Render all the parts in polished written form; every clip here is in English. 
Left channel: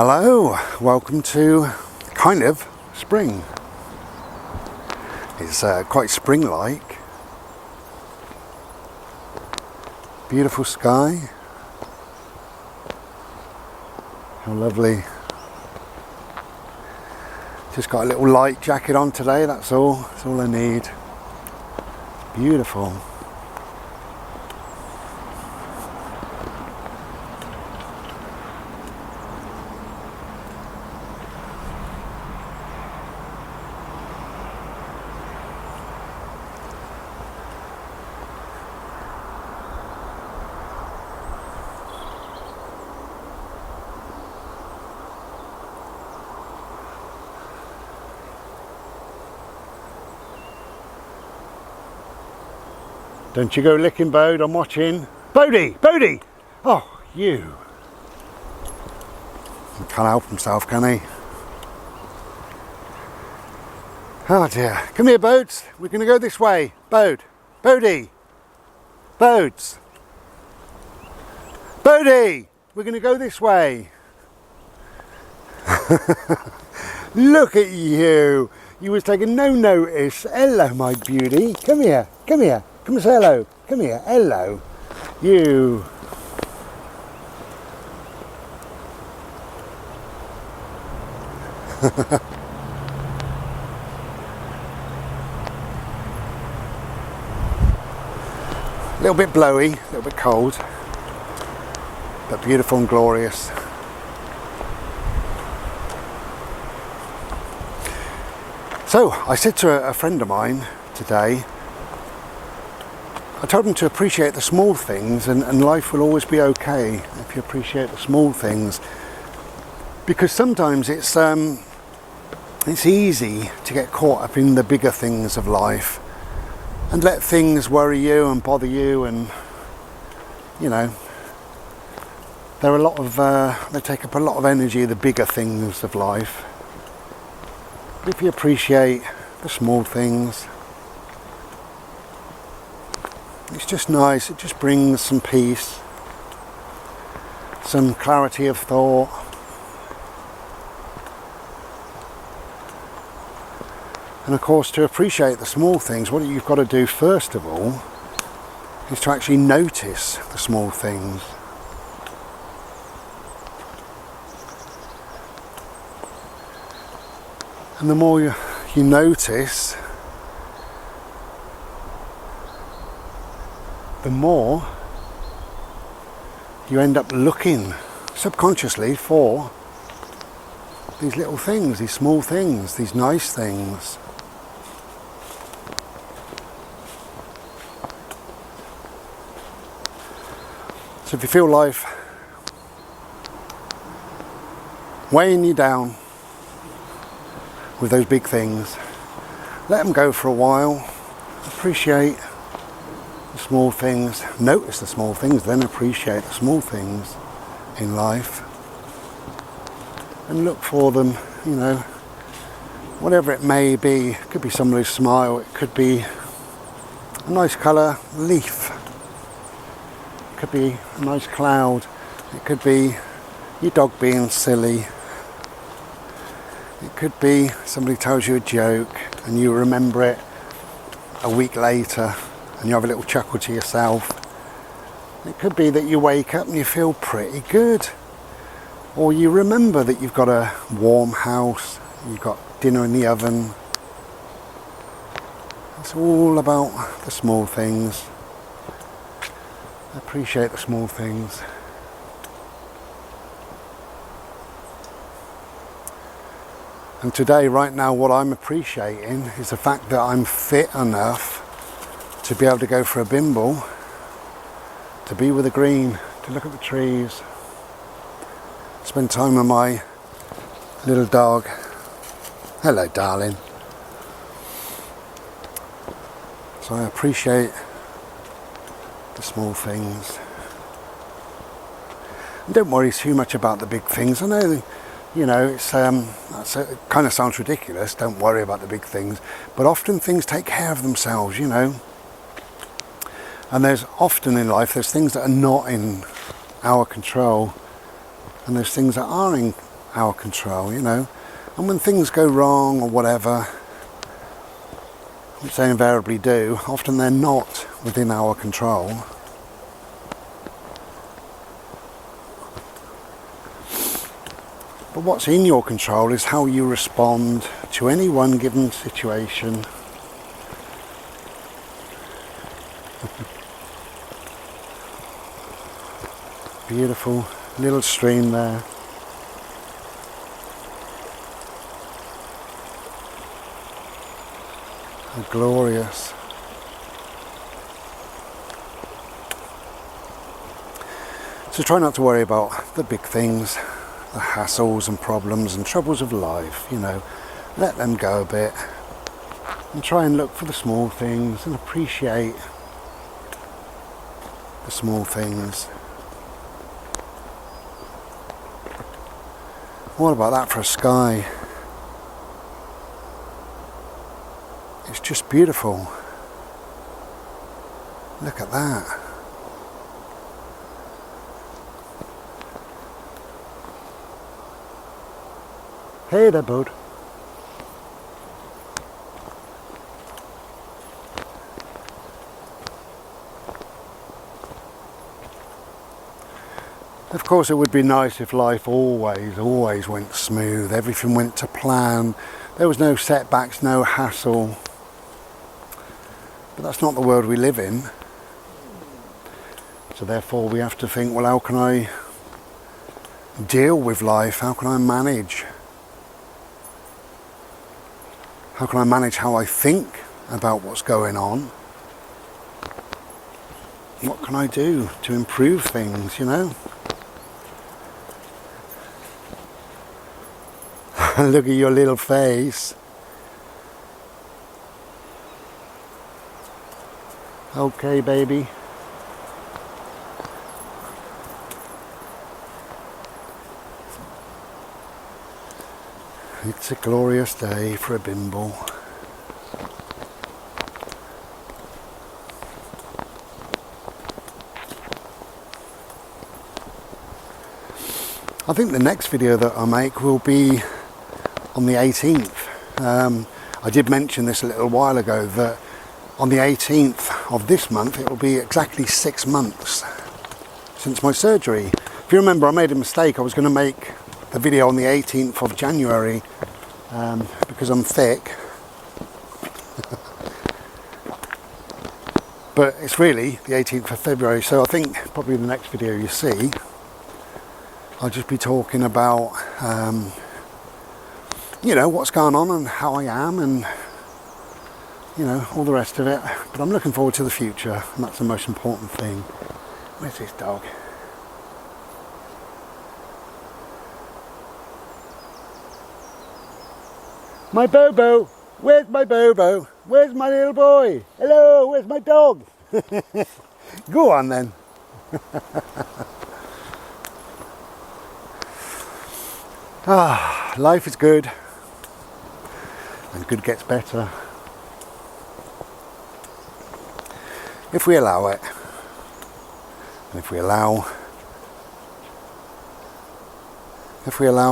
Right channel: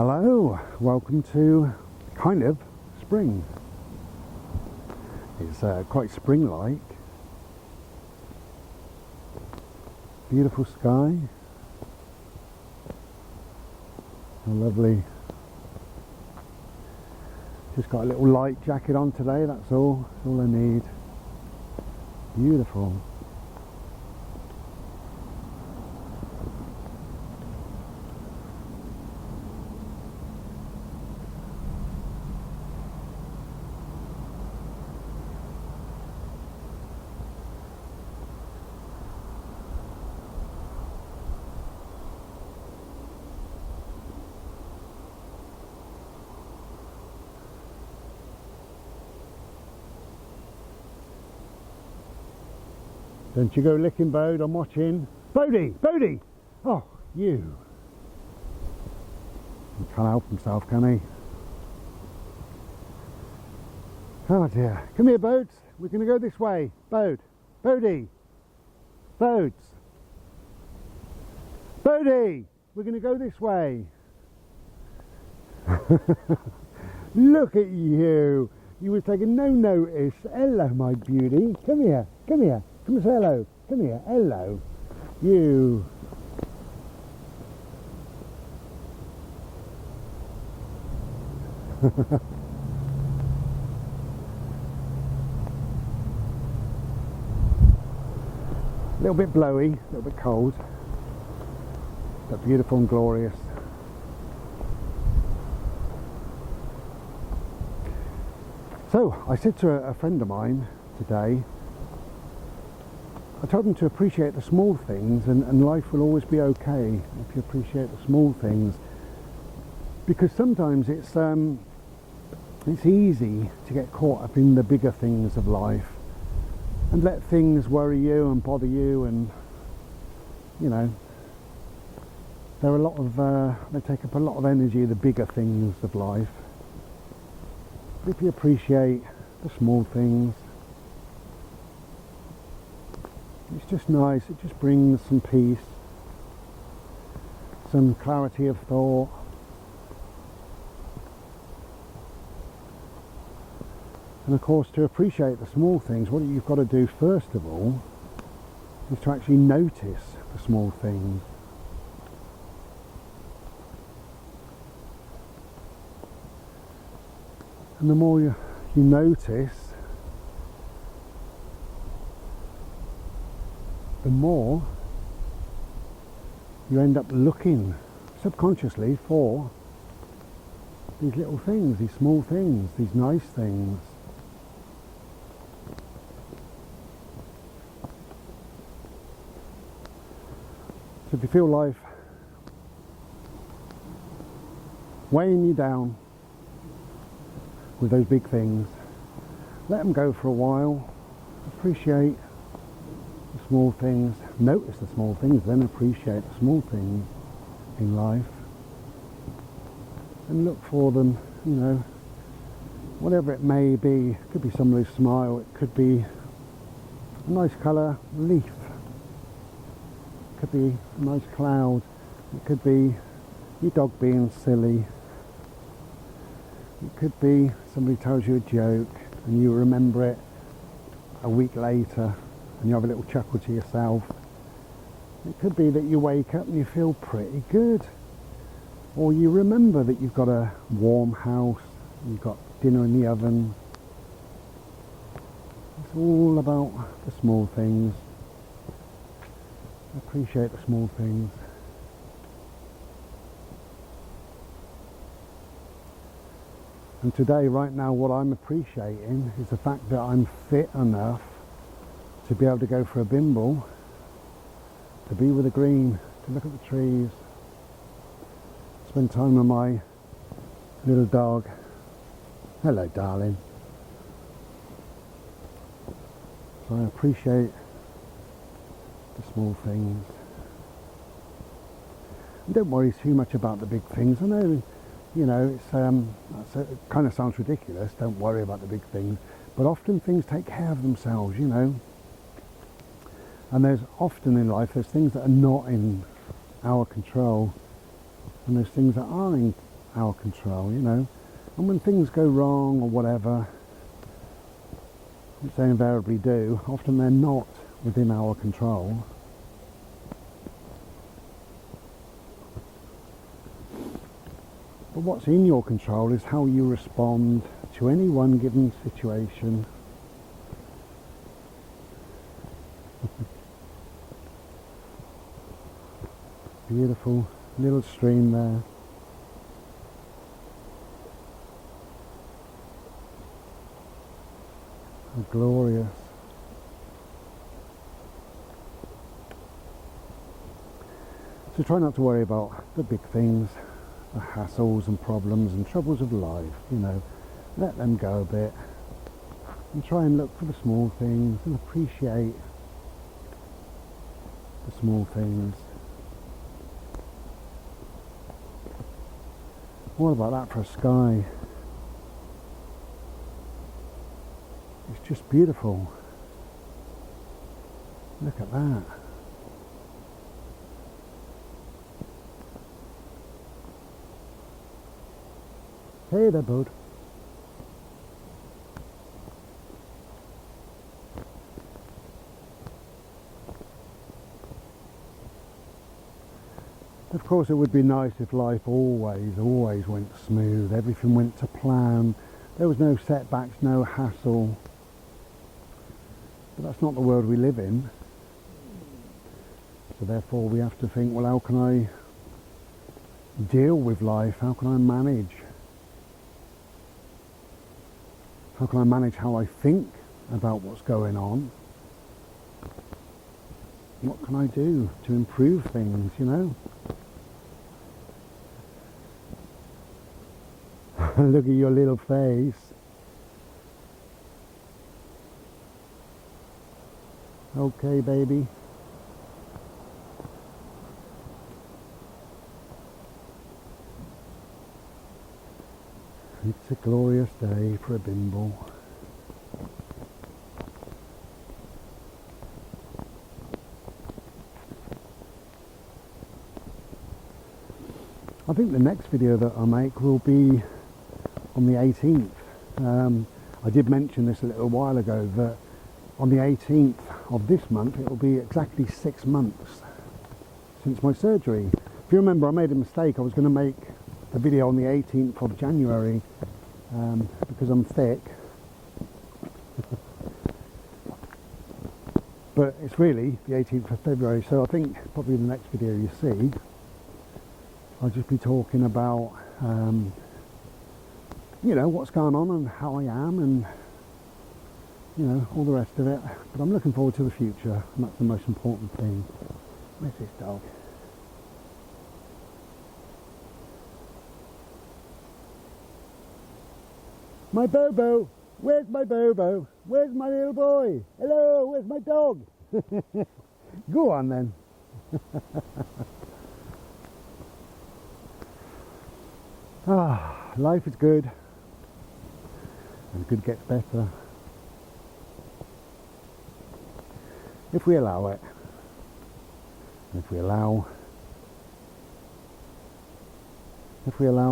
Hello, welcome to kind of spring. It's quite spring-like. Beautiful sky. How lovely. Just got a little light jacket on today, that's all. That's all I need. Beautiful. Don't you go licking Bode, I'm watching. Bodie! Oh, you. He can't help himself, can he? Oh dear. Come here, Bodes. We're going to go this way. Bodie! Bodie! We're going to go this way. Look at you. You was taking no notice. Hello, my beauty. Come here. Come and say hello. Come here. Hello. You. A little bit blowy, a little bit cold, but beautiful and glorious. So I said to a friend of mine today, I told him to appreciate the small things, and life will always be okay if you appreciate the small things, because sometimes it's easy to get caught up in the bigger things of life and let things worry you and bother you, and you know, there are a lot of they take up a lot of energy, the bigger things of life. But if you appreciate the small things, it's just nice. It just brings some peace, some clarity of thought. And of course, to appreciate the small things, what you've got to do first of all is to actually notice the small things. And the more you notice, the more you end up looking subconsciously for these little things, these small things, these nice things. So if you feel life weighing you down with those big things, let them go for a while. Appreciate the small things, notice the small things, then appreciate the small things in life and look for them, you know, whatever it may be. It could be somebody's smile, it could be a nice colour leaf, it could be a nice cloud, it could be your dog being silly, it could be somebody tells you a joke and you remember it a week later and you have a little chuckle to yourself. It could be that you wake up and you feel pretty good, or you remember that you've got a warm house, you've got dinner in the oven. It's all about the small things. Appreciate the small things. And today, right now, what I'm appreciating is the fact that I'm fit enough to be able to go for a bimble, to be with the green, to look at the trees, spend time with my little dog. Hello, darling. So I appreciate the small things. And don't worry too much about the big things. I know, you know, it kind of sounds ridiculous, don't worry about the big things, but often things take care of themselves, you know. And there's often in life, there's things that are not in our control, and there's things that are in our control, you know. And when things go wrong or whatever, which they invariably do, often they're not within our control. But what's in your control is how you respond to any one given situation. Beautiful little stream there. How glorious. So try not to worry about the big things, the hassles and problems and troubles of life, you know. Let them go a bit and try and look for the small things and appreciate the small things. What about that for a sky? It's just beautiful. Look at that. Hey there, bud. Of course, it would be nice if life always went smooth. Everything went to plan. There was no setbacks, no hassle. But that's not the world we live in. So therefore we have to think, well, how can I deal with life? How can I manage? How can I manage how I think about what's going on? What can I do to improve things, you know? Look at your little face. Okay, baby. It's a glorious day for a bimble. I think the next video that I make will be on the 18th. I did mention this a little while ago that on the 18th of this month it will be exactly 6 months since my surgery. If you remember, I made a mistake. I was going to make the video on the 18th of January because I'm thick. But it's really the 18th of February, so I think probably the next video you see I'll just be talking about you know, what's going on and how I am and, you know, all the rest of it. But I'm looking forward to the future, and that's the most important thing. Where's this dog? My Bobo! Where's my Bobo? Where's my little boy? Hello, where's my dog? Go on then. Life is good. And good gets better if we allow it, and if we allow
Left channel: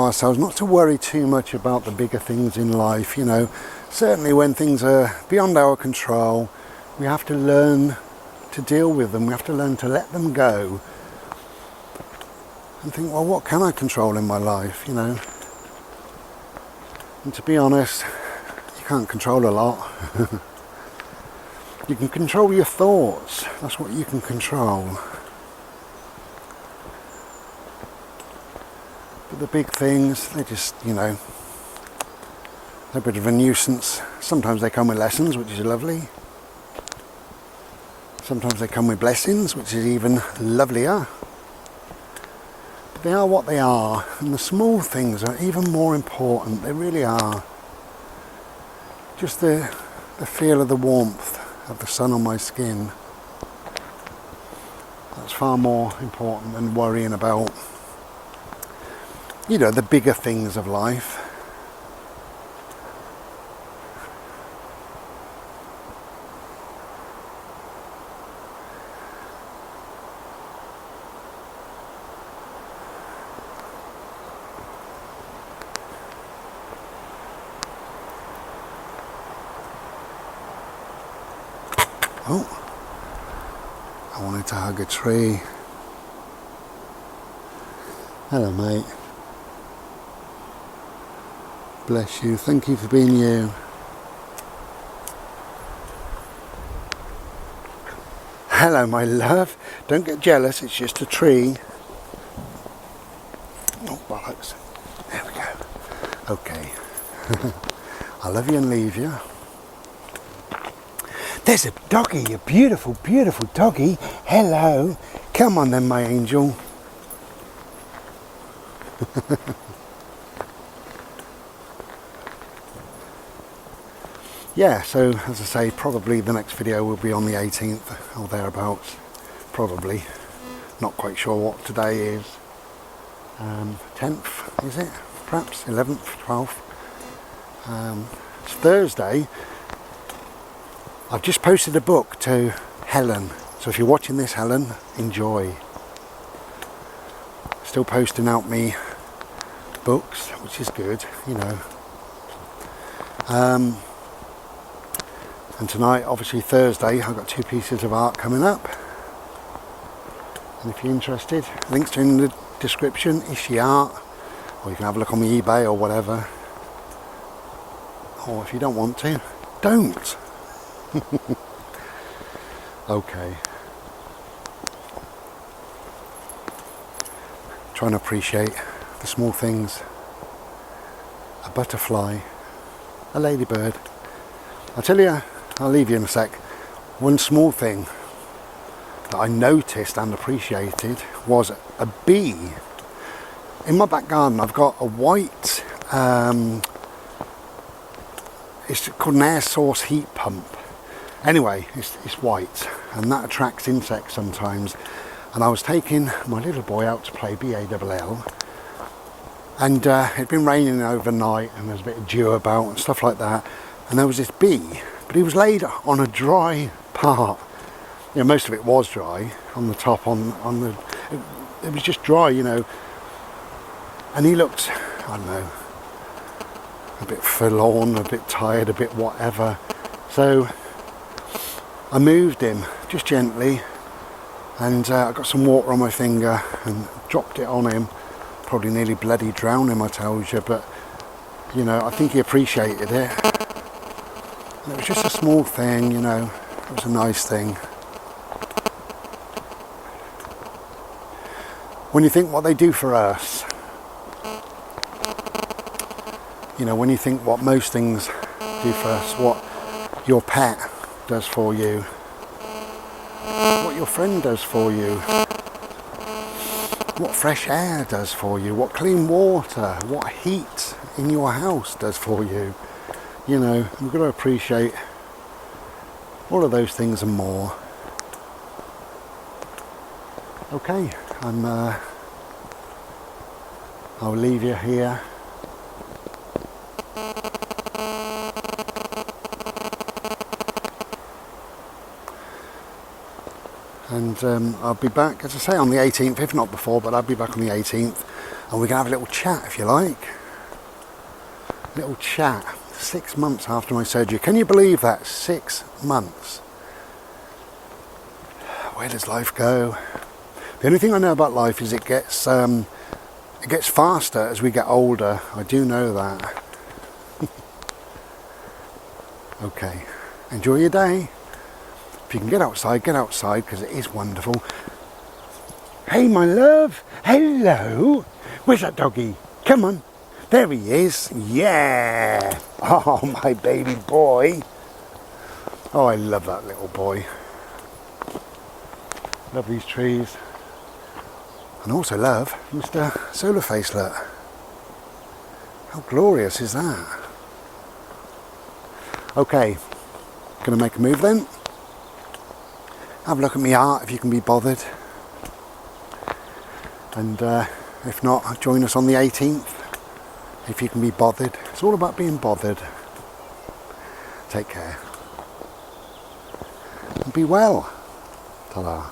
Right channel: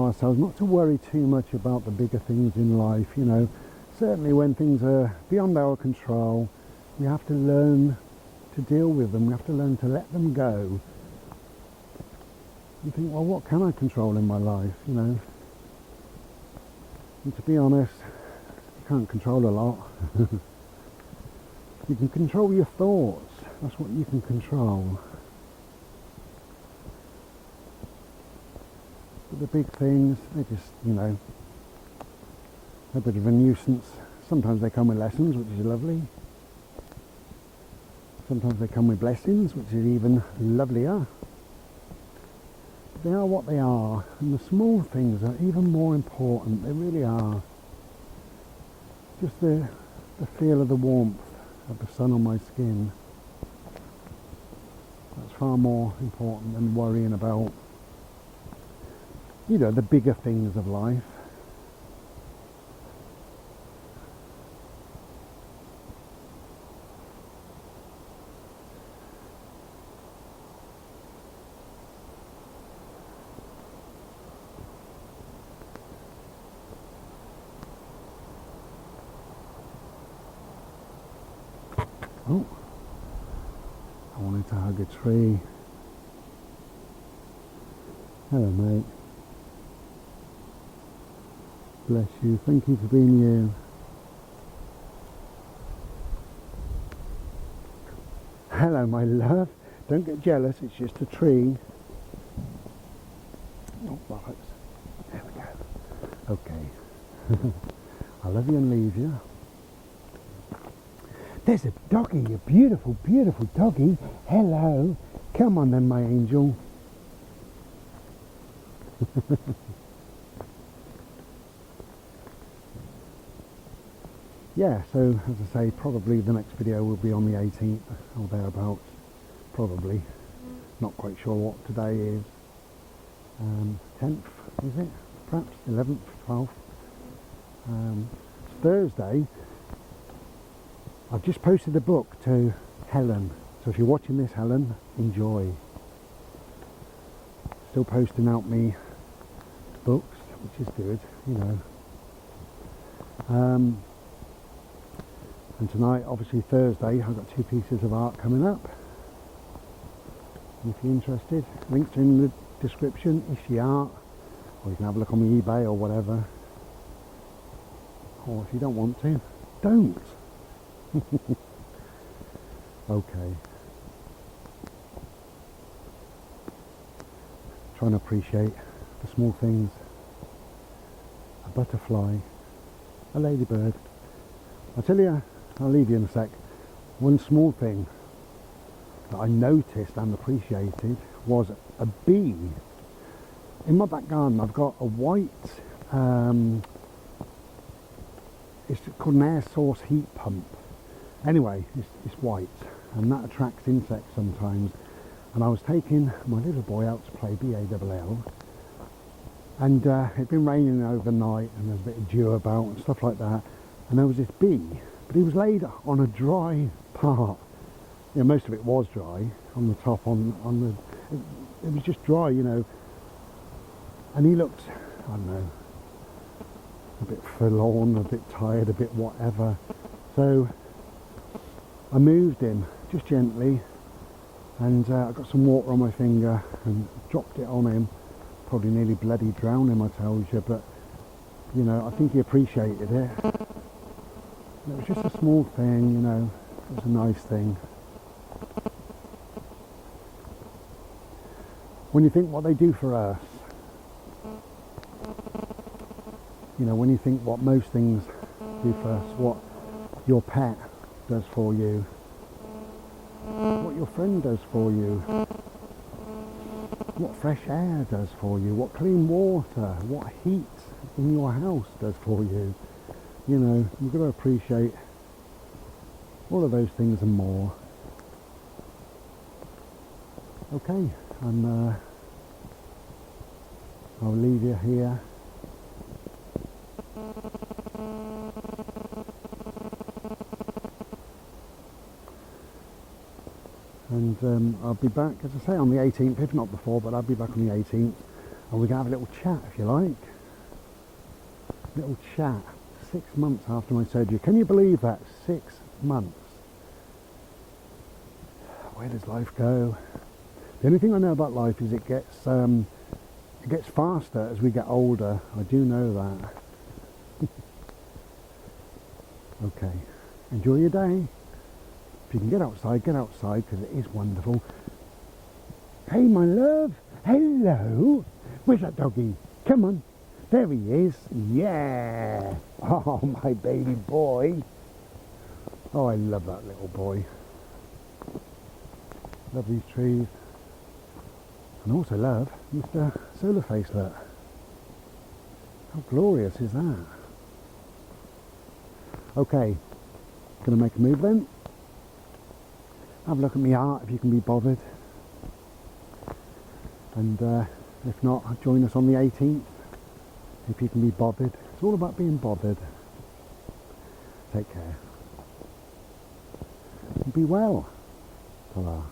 ourselves not to worry too much about the bigger things in life. You know, certainly when things are beyond our control, we have to learn to deal with them. We have to learn to let them go and think, well, what can I control in my life, you know? And to be honest, can't control a lot. You can control your thoughts. That's what you can control. But the big things, they just, you know, they're a bit of a nuisance. Sometimes they come with lessons, which is lovely. Sometimes they come with blessings, which is even lovelier. But they are what they are, and the small things are even more important. They really are. Just the feel of the warmth of the sun on my skin. That's far more important than worrying about, you know, the bigger things of life. Oh, I wanted to hug a tree. Hello, mate. Bless you. Thank you for being you. Hello, my love. Don't get jealous. It's just a tree. Oh, bollocks. There we go. Okay. I love you and leave you. There's a doggy, a beautiful, beautiful doggy. Hello. Come on then, my angel. Yeah, so as I say, probably the next video will be on the 18th or thereabouts. Probably. Not quite sure what today is. 10th, is it? Perhaps 11th, 12th. It's Thursday. I've just posted a book to Helen. So if you're watching this, Helen, enjoy. Still posting out me books, which is good, you know. And tonight, obviously Thursday, I've got 2 pieces of art coming up. And if you're interested, links are in the description, Ishi Art, or you can have a look on the eBay or whatever. Or if you don't want to, don't. Okay. Trying to appreciate the small things. A butterfly, a ladybird. I'll tell you, I'll leave you in a sec. One small thing that I noticed and appreciated was a bee. In my back garden I've got a white, it's called an air source heat pump. Anyway, it's white and that attracts insects sometimes. And I was taking my little boy out to play BALL, and it'd been raining overnight and there was a bit of dew about and stuff like that. And there was this bee, but he was laid on a dry part. You know, most of it was dry on the top, it was just dry, you know. And he looked, I don't know, a bit forlorn, a bit tired, a bit whatever. So I moved him just gently, and I got some water on my finger and dropped it on him. Probably nearly bloody drowned him, I tells you, but you know, I think he appreciated it. And it was just a small thing, you know, it was a nice thing. When you think what they do for us, you know, when you think what most things do for us, what your pet does for you, what your friend does for you, what fresh air does for you, what clean water, what heat in your house does for you. You know, we've got to appreciate all of those things and more. Okay, I'll leave you here. And I'll be back, as I say, on the 18th, if not before, but I'll be back on the 18th. And we can have a little chat, if you like. Little chat. 6 months after my surgery. Can you believe that? 6 months. Where does life go? The only thing I know about life is it gets faster as we get older. I do know that. Okay. Enjoy your day. If you can get outside because it is wonderful. Hey, my love. Hello. Where's that doggy? Come on. There he is. Yeah. Oh, my baby boy. Oh, I love that little boy. Love these trees. And also love Mr. Solar Facelet. How glorious is that? Okay. Gonna make a move then. Have a look at me art if you can be bothered. And if not, join us on the 18th. If you can be bothered. It's all about being bothered. Take care. And be well. Ta-da.